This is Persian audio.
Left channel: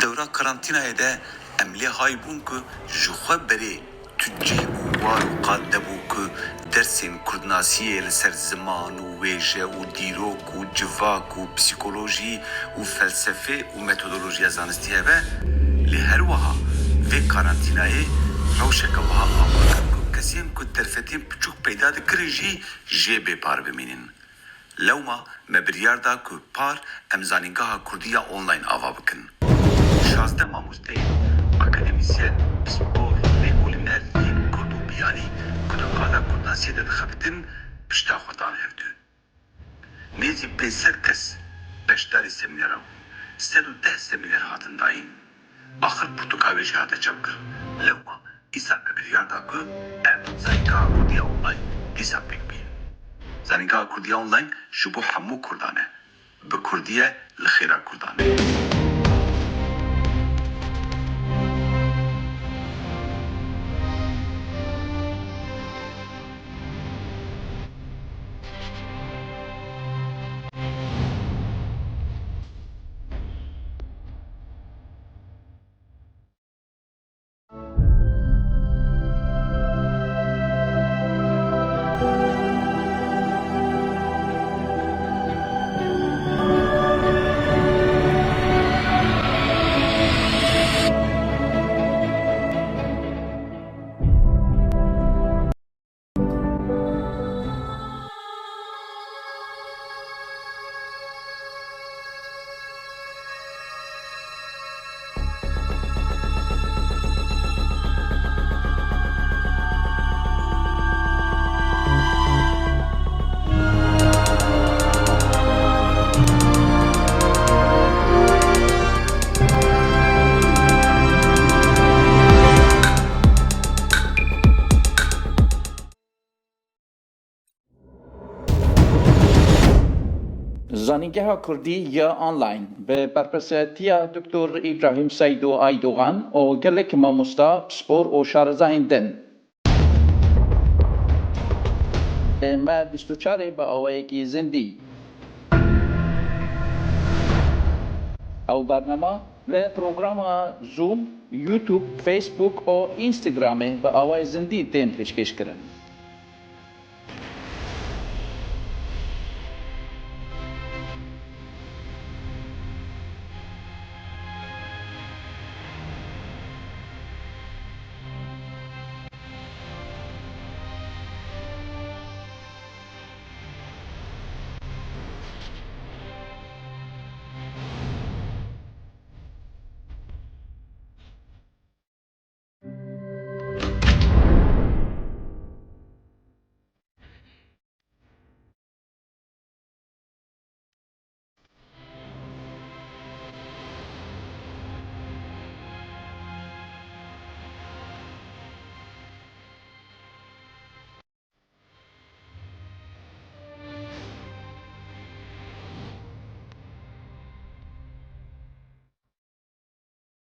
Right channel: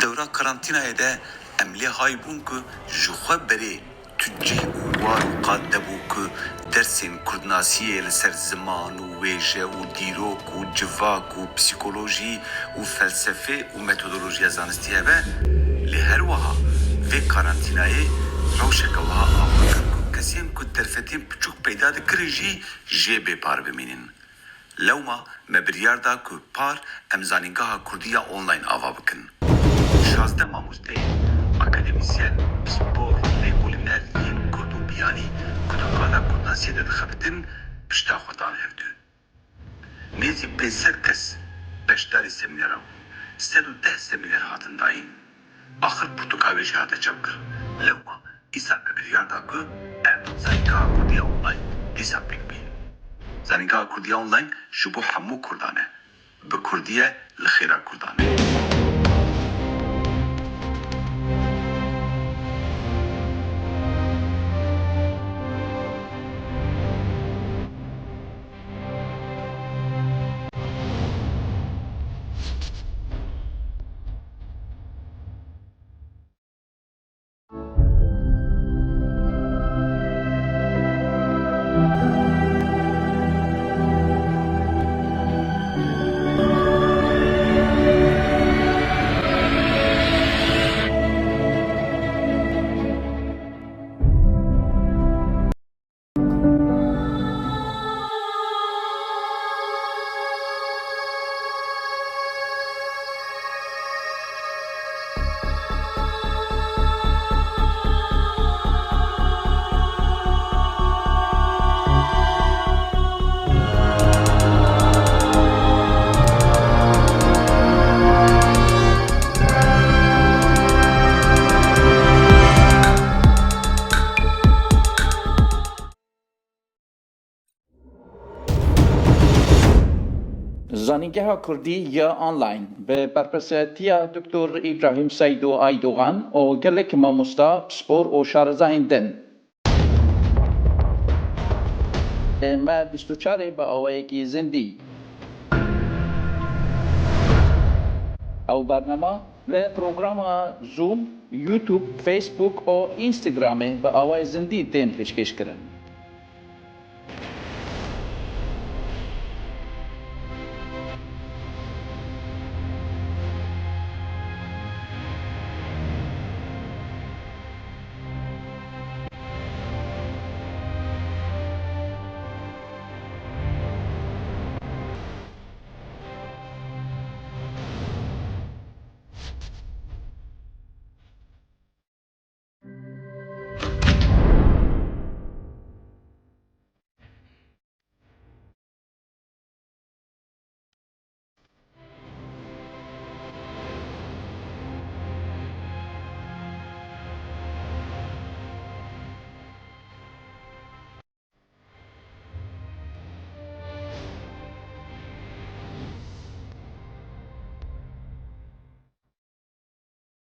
دورا قرنطینه ده املی های بون که جخوا بری تجی و وار و قاده بو که درسین کردناسیه لسر زمان و ویجه و دیروک و جواک و پسیکولوژی و فلسفه و متودولوژی زانستیه به لهر وها و قرنطینه روشک وها آواکر که کسیم که درفتیم پچوک پیدا ده کرجی جه بی پار بمینین. لوما مبریار دا که پار امزانینگاه کردیا آنلاین آوا بکن. 16 ماموزده اکادمیسyen spor لیکولینر کردو بیانی کدو آلا کردناسیه ده دخفتن پشتا خودان هفدو. نیزی 500 کس پشتاری سمینرم 110 سمینر هاتن داین آخر پرتوکاوی جهاده چبکر. لوما ایسا مبریار دا که زنگاه کردیا آنلاین ایسا پک بین. زنگاه کردیا آنلاین شبو حمو کردانه به کردیه لخیره کردانه. زانینگاه کردی یا آنلاین به برپرسیتی دکتر ابراهیم سیدو ایدوغان و گلک ماموستا سپور و شارزایندن. ما 24 با آوایکی زندی او برنامه و پروگرام زوم، یوتیوب، فیسبوک و اینستاگرام با آوای زندی تین پیشکش کردن.